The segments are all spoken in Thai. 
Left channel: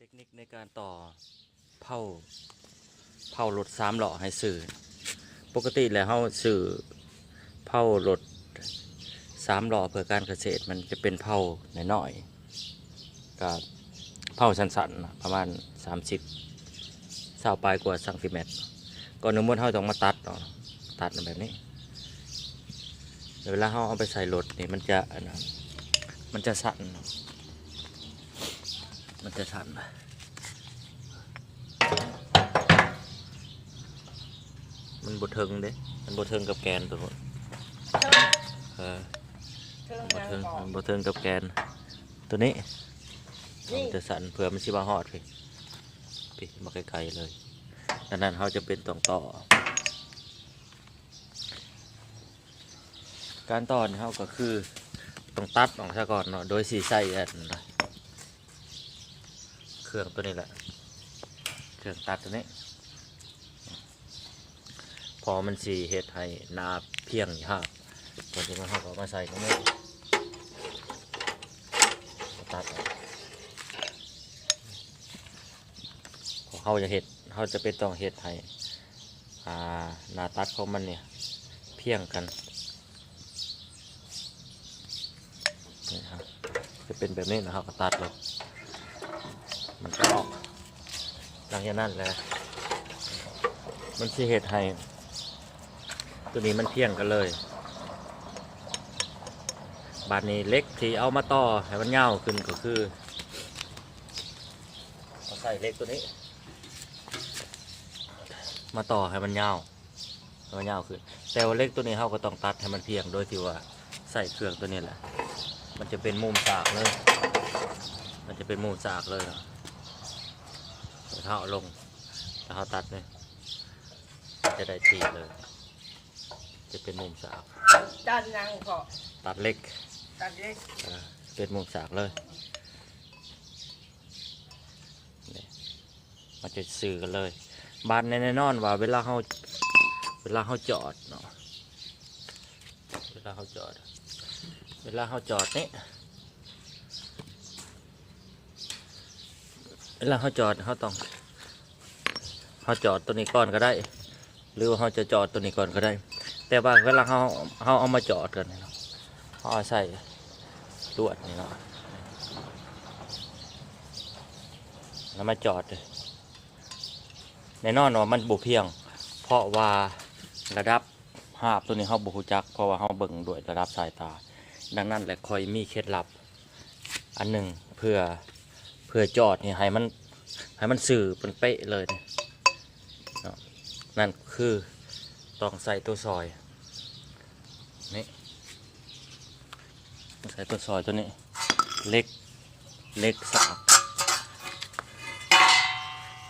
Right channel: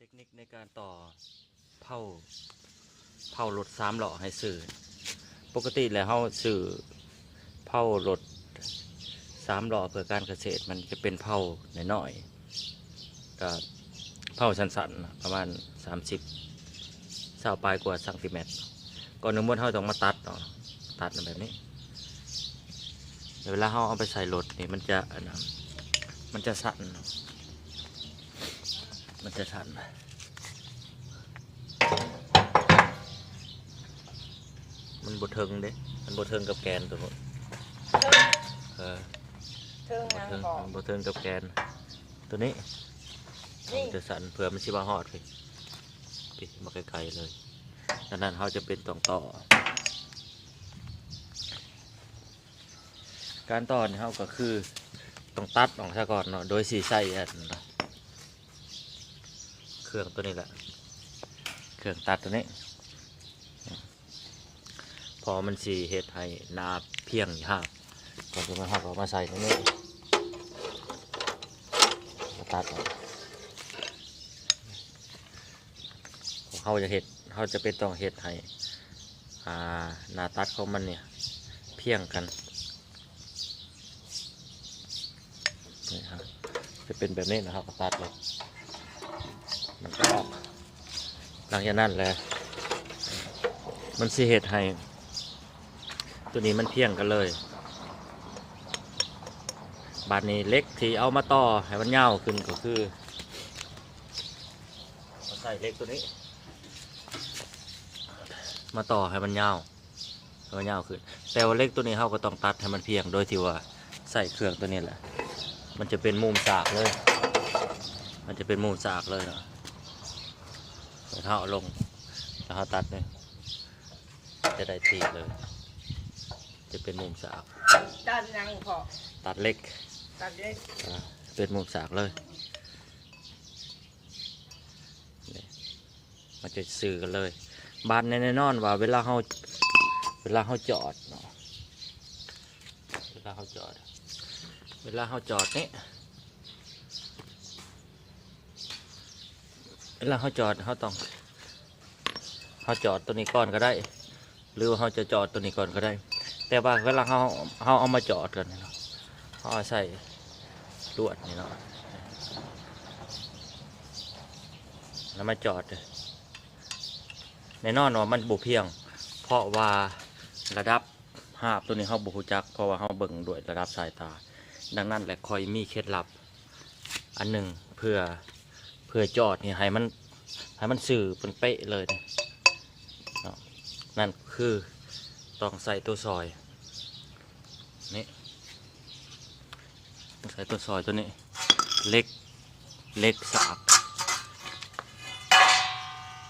เทคนิคในการต่อเผารถ3 ล้อให้สื่อปกติแล้วเขาสื่อเผารถ3 ล้อเพื่อการเกษตรมันจะเป็นเผาน้อยๆกับเผาสั้นๆประมาณ30 20ปลายกว่าซนติเมตรก่อนหนึ่งม้วนเขาต้องมาตัดเนาะตัดแบบนี้เวลาเขาเอาไปใส่รถนี่มันจะสั่นเนาะมันจะสั่นมันบดเทิงเด้มันบดเทิงกับแกนตัวคนบดเทิงมันบดเทิงกับแกนตัวนี้มันจะสั่นเผื่อมันสิบาหอดไปมาไกลๆเลยดังนั้นเขาจะเป็นต่อการต่อนี่เขาก็คือต้องตัดออกซะก่อนเนาะโดยสีใส่เครื่องตัวนี้แหละเครื่องตัดตัวนี้พอมันสีเห็ดให้นาเพียงยากก่อนจะมาหักออกมาใส่ตรงนี้ตัดพอเขาจะเป็นต้องเห็ดให้นาตัดของมันเนี่ยเพียงกันนี่ครับจะเป็นแบบนี้นะครับตัดเลยมันก็ออกหลังจากนั้นแหละมันสีเห็ดให้ตัวนี้มันเพียงกันเลยบาดนี้เล็กที่เอามาต่อให้มันยาวขึ้นก็คือใส่เล็กตัวนี้มาต่อให้มันยาวขึ้นแต่ว่าเล็กตัวนี้เขาก็ต้องตัดให้มันเพียงโดยที่ว่าใส่เครื่องตัวนี้แหละมันจะเป็นมุมสากเลยเท้าลงแล้วเขาตัดเลยจะได้ทีเลยจะเป็นมุมสากตัดยังพอตัดเล็กเป็นมุมสากเลยมันจะสื่อกันเลยบานแน่นอนว่าเวลาเขาจอดเนาะเวลาเขาจอดนี่เวลาเขาจอดเขาจอดตัวนี้ก่อนก็ได้หรือว่าเขาจะจอดตัวนี้ก่อนก็ได้แต่ว่าเวลาเขาเอามาจอดกันเนาะเขาใส่ลวดนี่เนาะแล้วมาจอดแน่นอนว่ามันบุเพียงเพราะว่าระดับหาบตัวนี้เขาบุจักเพราะว่าเขาเบิ่งด้วยระดับสายตาดังนั้นแหละคอยมีเคล็ดลับอันหนึ่งเพื่อจอดนี่ให้มันสื่อเป็นเป๊ะเลยนั่นคือต้องใส่ตัวซอยนี่ใส่ตัวซอยตัวนี้เล็กสาก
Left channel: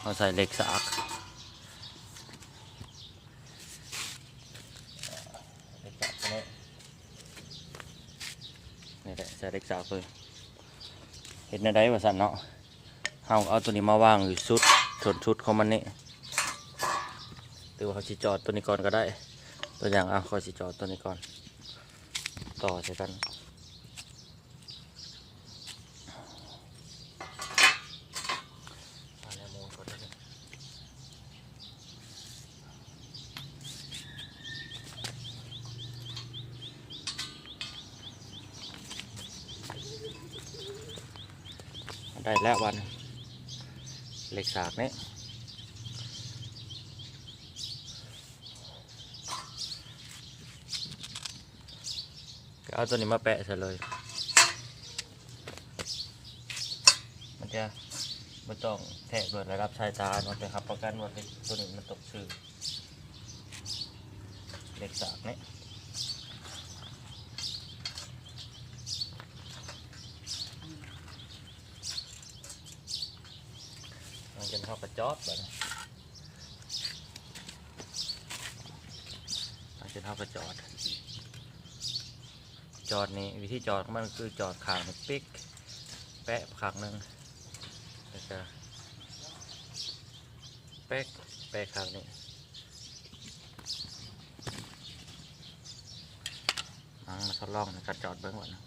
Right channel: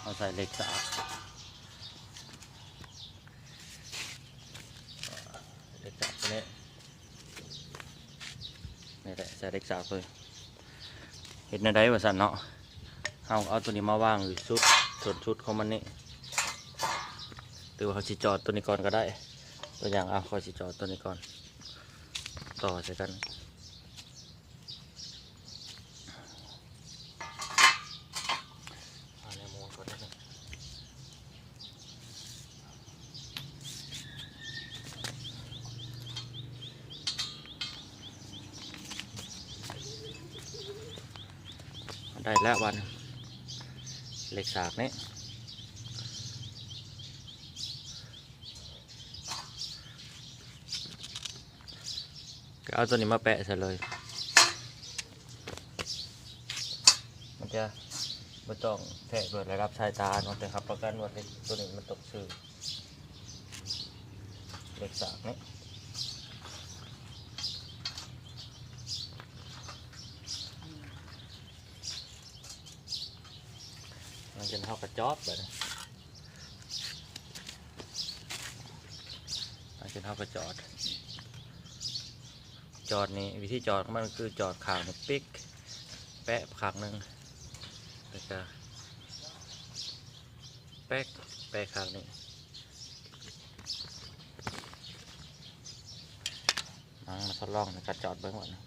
เราใส่เล็กสากตัวนี้นี่แหละใส่เล็กสากเลยเห็นในได้ว่าสั่นเนาะเอาตัวนี้มาวางอยู่ส่วนชุดของมันนี่หรือว่าเขาสิจอดตัวนี้ก่อนก็ได้ตัวอย่างเขาสิจอดตัวนี้ก่อนต่อใส่กันได้แล้ววันเหล็กสากนี้เอาตัวนี้มาแปะใส่เลยมันจะไม่ต้องแทะด้วยระดับสายตาเนาะแต่ครับประกันว่าตัวนี้มันตกชื่อเหล็กสากนี้มันจะเข้ากระจอบแบบนี้มันจะเข้ากระจอดนี่วิธีจอดของมันคือจอดข่างปิ๊กแปะขางหนึ่งแล้วก็แปะขางนี้มาทดลองในการจอดเบื้องก่อนนะ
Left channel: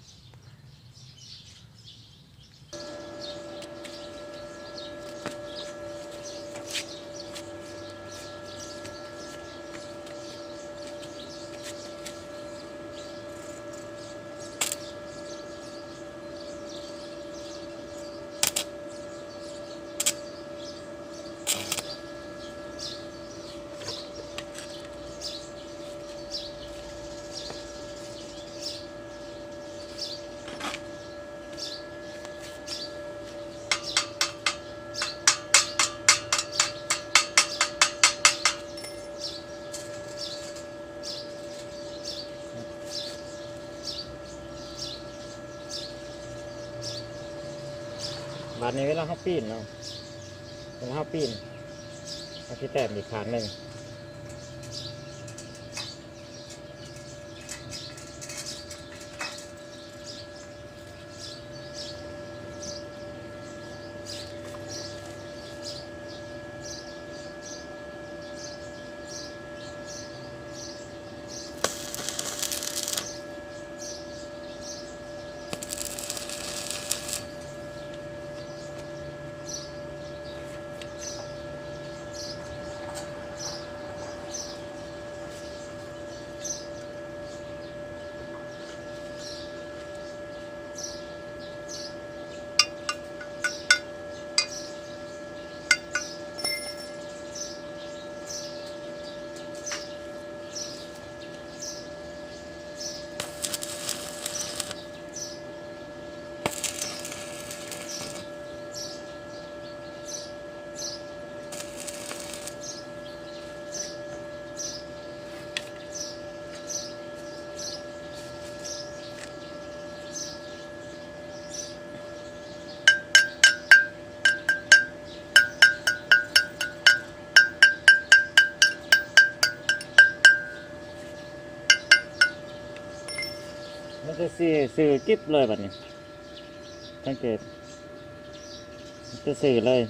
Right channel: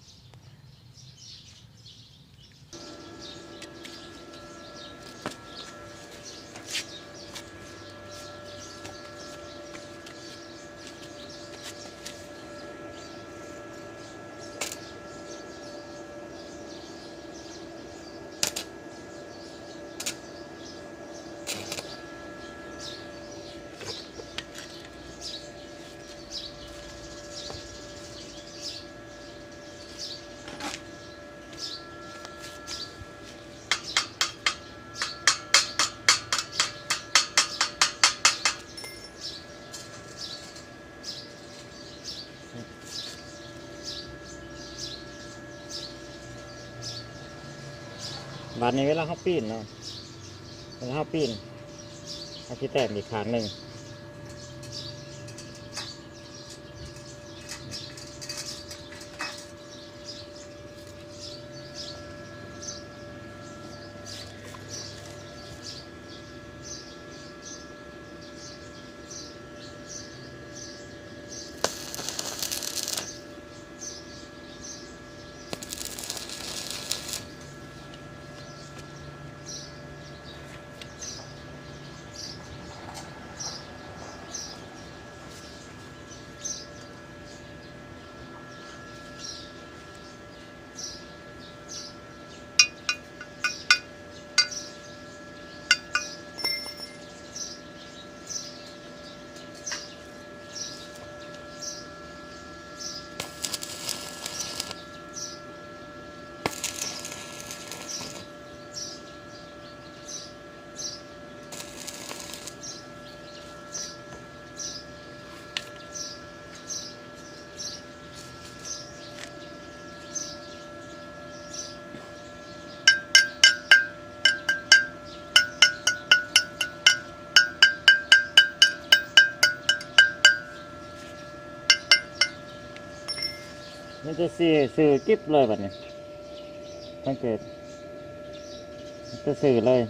าดนี้เวลาเขาปีนเนาะเวลาเขาปีนเขาที่แต้มอีกขาหนึ่งมันจะสื่อกิ๊บเลยแบบนี้สังเกตมันจะสื่อเลย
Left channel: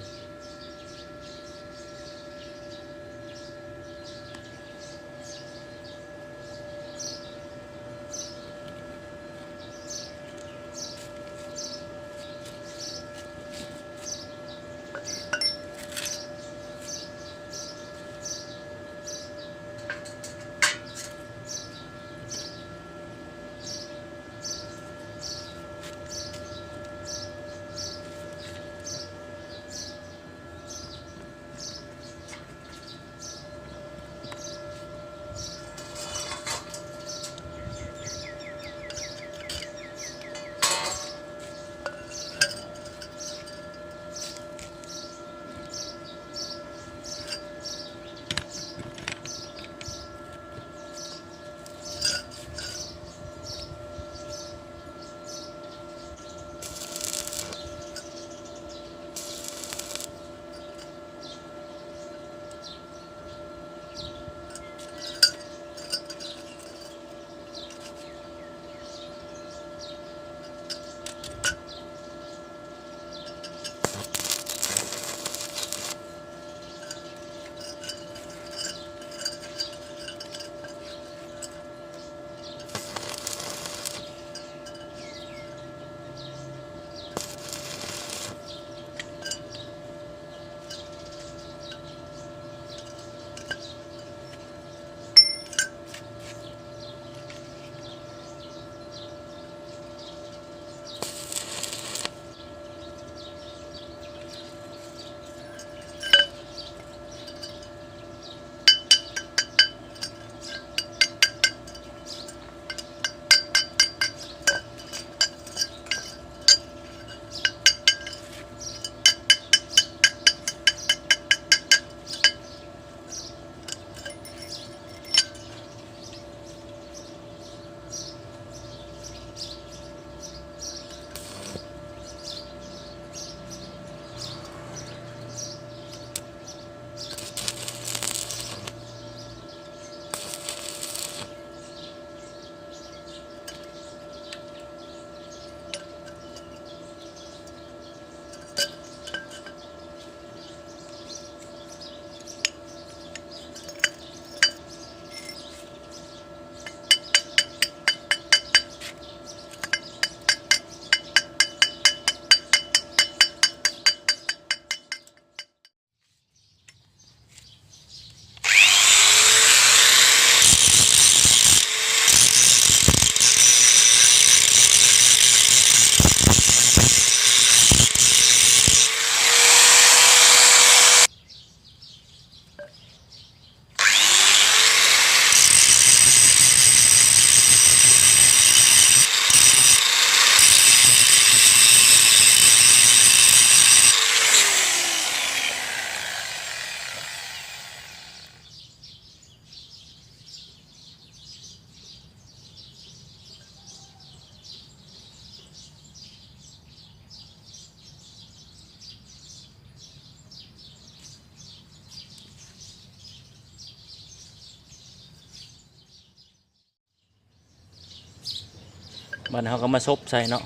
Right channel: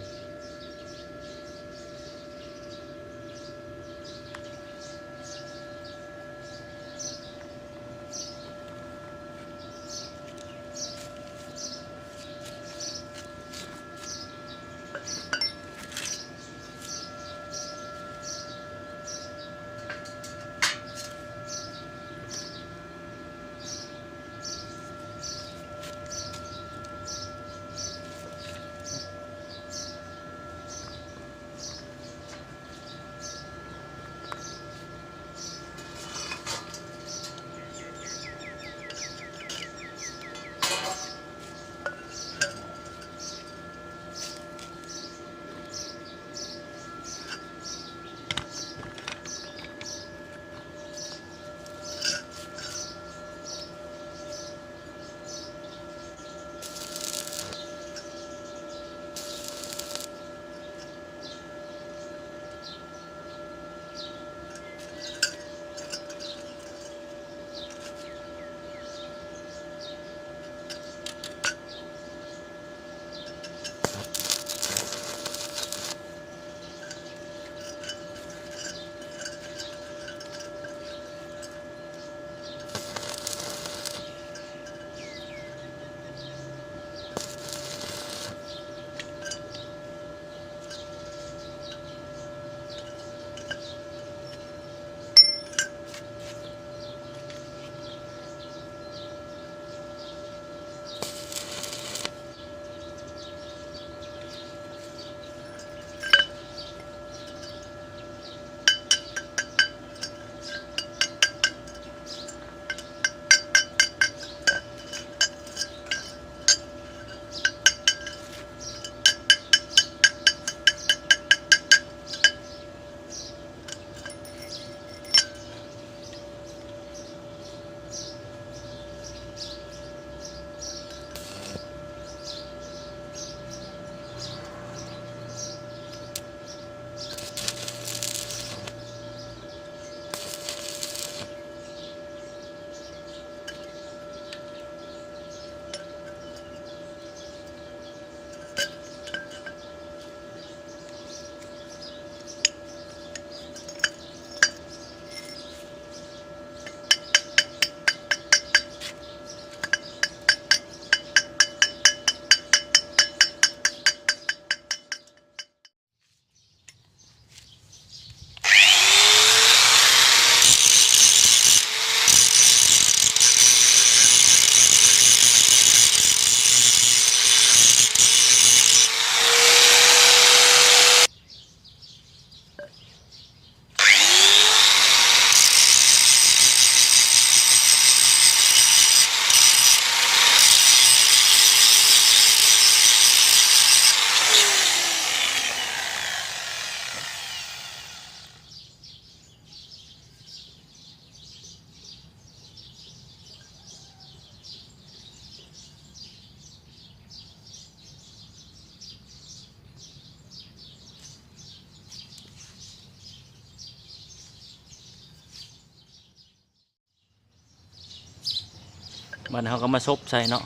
มันเขาก็มาซบใส่เนาะ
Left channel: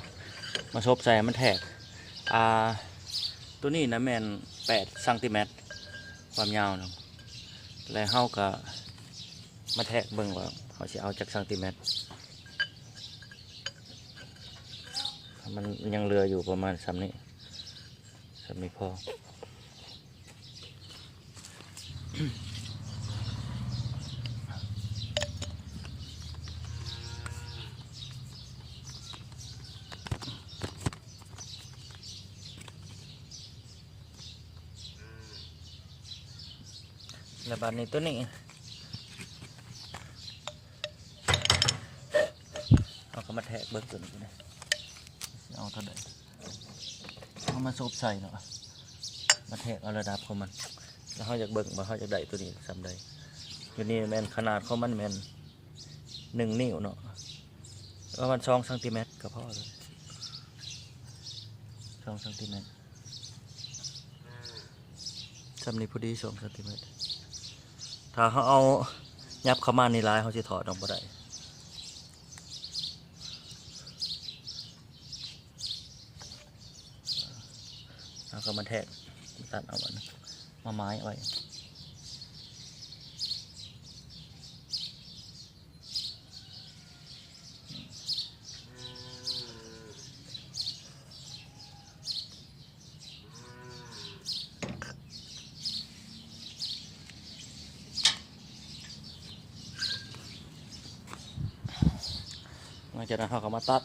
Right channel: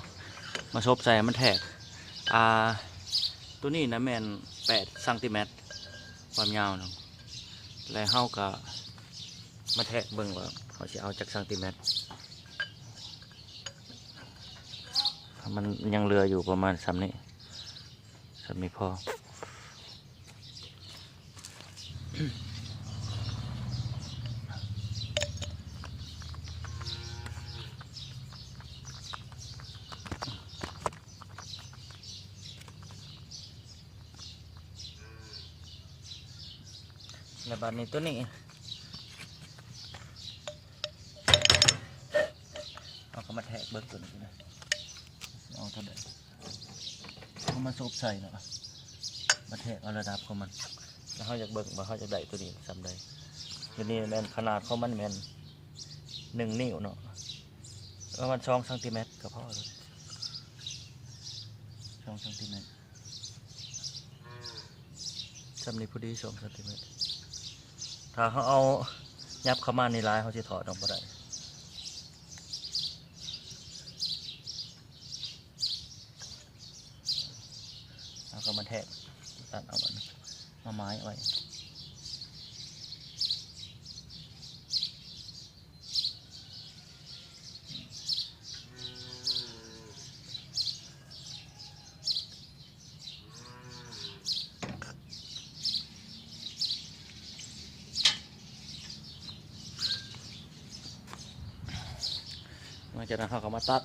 มาซบใส่มันแทกตัวนี้นะแมน8 ซนความยาวเนาะแล้วเขาก็มาแทกเบิ่งว่าเขาจะเอาจากซนมันยังเหลืออยู่ประมาณซ้ำนี้พอ แล้วบัดนี้ตัวนี้เราก็มาแทกเบิกตัวนี้ก็ได้เอาเท่าไหร่เอามาซุบใส่เนาะมาแทกเอาระดับของมันแล้วเขาอยากเบิกมาเขาอยากได้ตัวนี้ซ้ำได้ตัวนี้แมนขนาดของมันแมน1 นิ้วเนาะประมาณ2 ซนก็พอเลย2 ซนซ้ำนี้พอดี2 ซนถ้าเขาเอายับเข้ามาในลายเขาจะถอดออกมาได้แล้วก็มาแทกตัดเอามันมาไม้ไว้หลังจากนั้นเขาก็มาตัด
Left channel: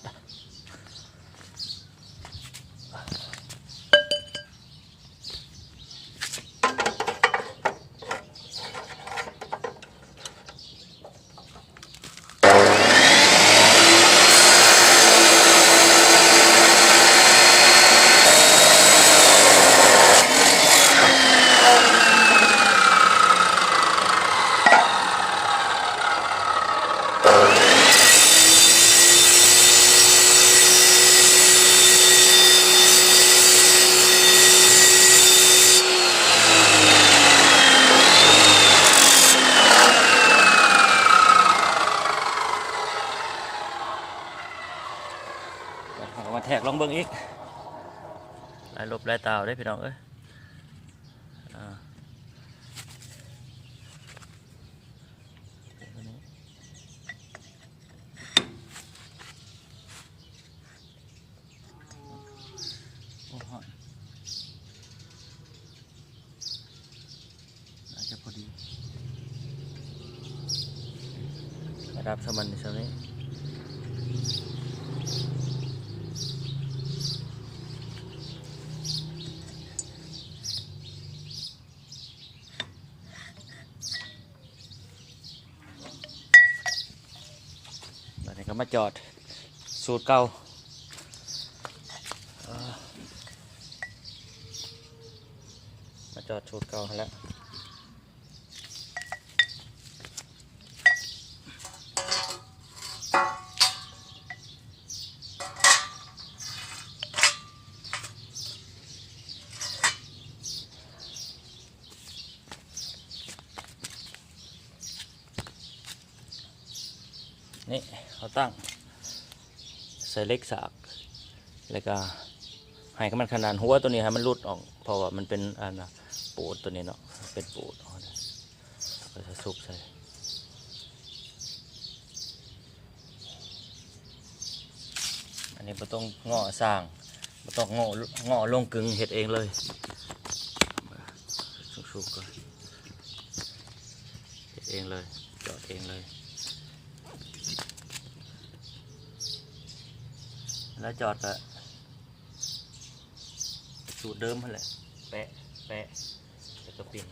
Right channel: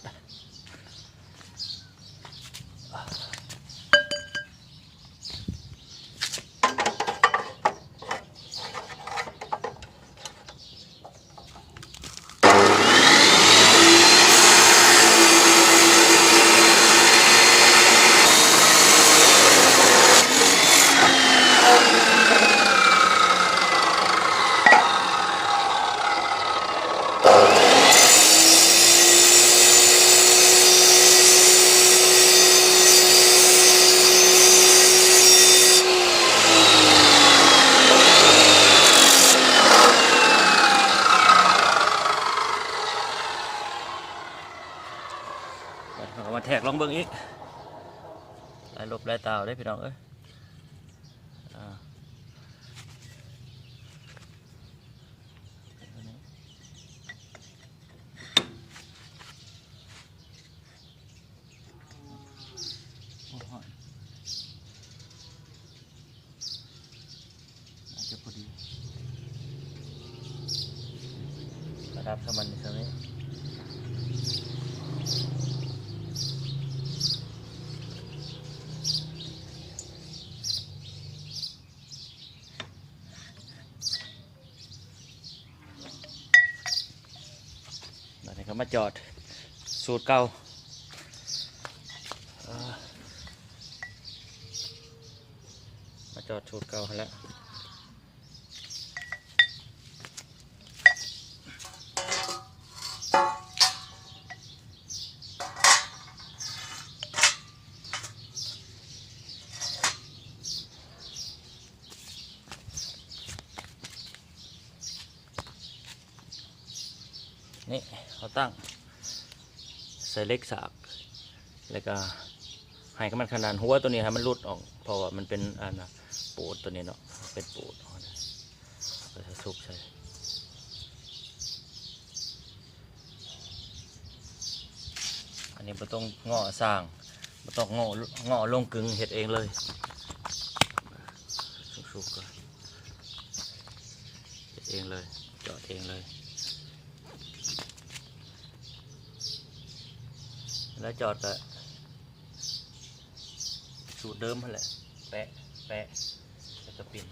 เขาก็มาแทกลองเบิ่งอีกลายลบลายตาวได้พี่น้องเอ้ยจะพอดีระดับสมันใช่ไหมแล้วนี่ก็มาจอดสูตรเก่ามาจอดสูตรเก่าแล้วนี่เขาตั้งใส่เล็กสากแล้วก็ให้มันขนาดหัวตัวนี้ให้มันรุดออกเพราะว่ามันเป็นปูดตัวนี้เนาะเป็นปูดก็จะซุกใส่อันนี้ไม่ต้องงอสร้างไม่ต้องงอลงกึ่งเห็ดเองเลยซุกๆก็เห็ดเองเลยจอดเองเลยแล้วจอดก็สูตรเดิมนั่นแหละแปะแล้วก็ปิ่น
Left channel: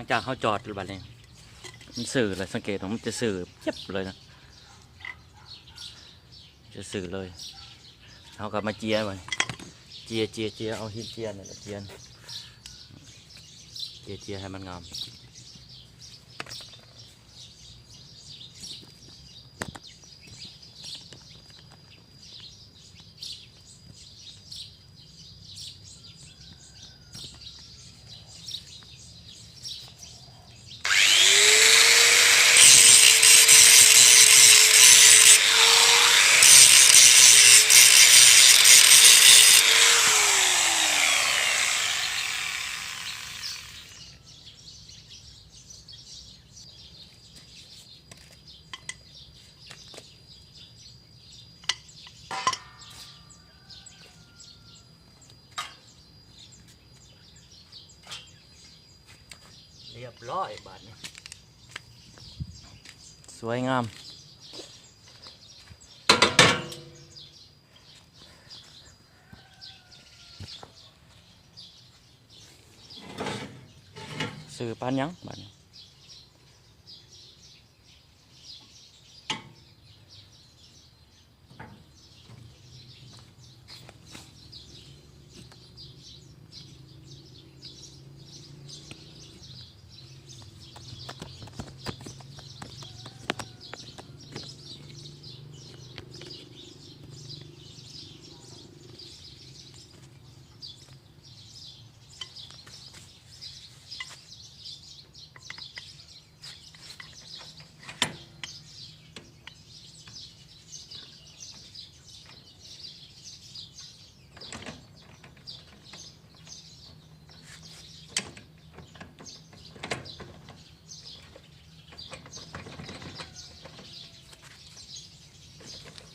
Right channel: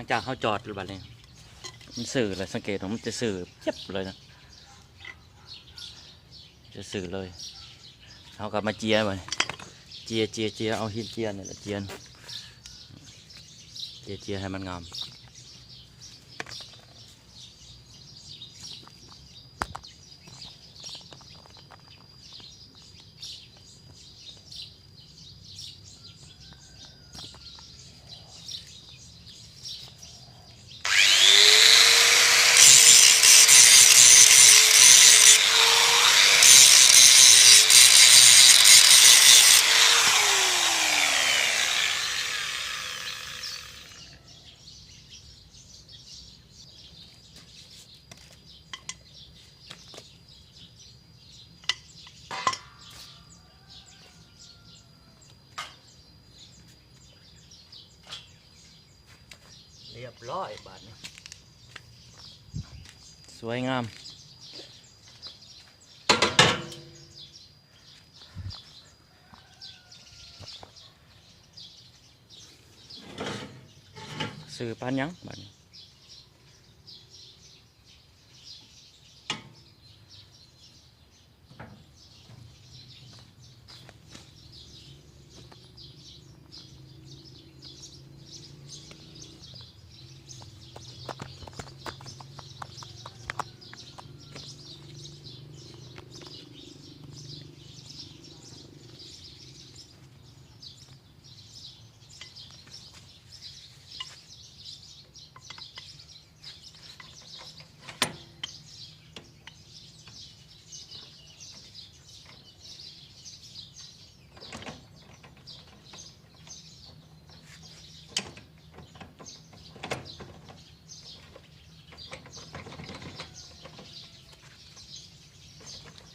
ลังจากเขาจอดหรือเปล่าเนี่ยมันสื่อเลยสังเกตว่ามันจะสื่อเจ็บเลยนะจะสื่อเลยเขากลับมาเจียไปเจียเอาหินเจียนี่แหละเจียให้มันงามเรียบร้อยบาทนี้สวยงามสื่อปานยังบาทนี้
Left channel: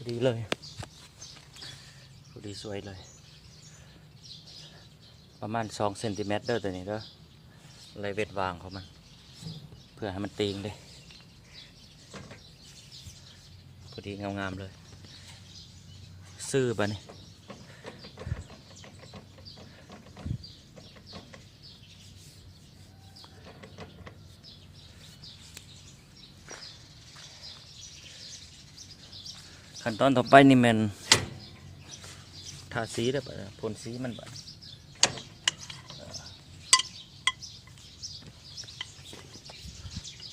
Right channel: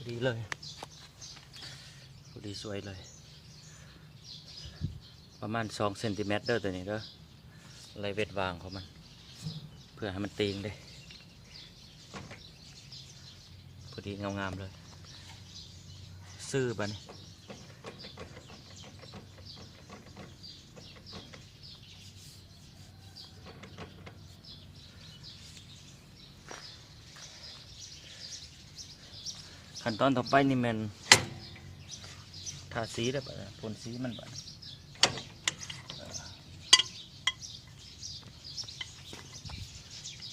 ดีเลยดีสวยเลยประมาณ2 เซนติเมตรเด้อตัวนี้เด้อไรเวทวางของมันเพื่อให้มันตีนเลยพอดีงามๆเลยซื่อปะนี่ขั้นตอนต่อไปนี่มันทาสีได้ปะพ่นสีมันปะ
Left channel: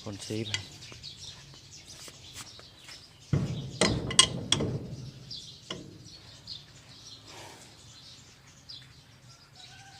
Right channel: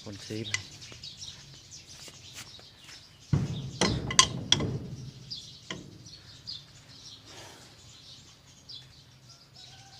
พ่นสีไป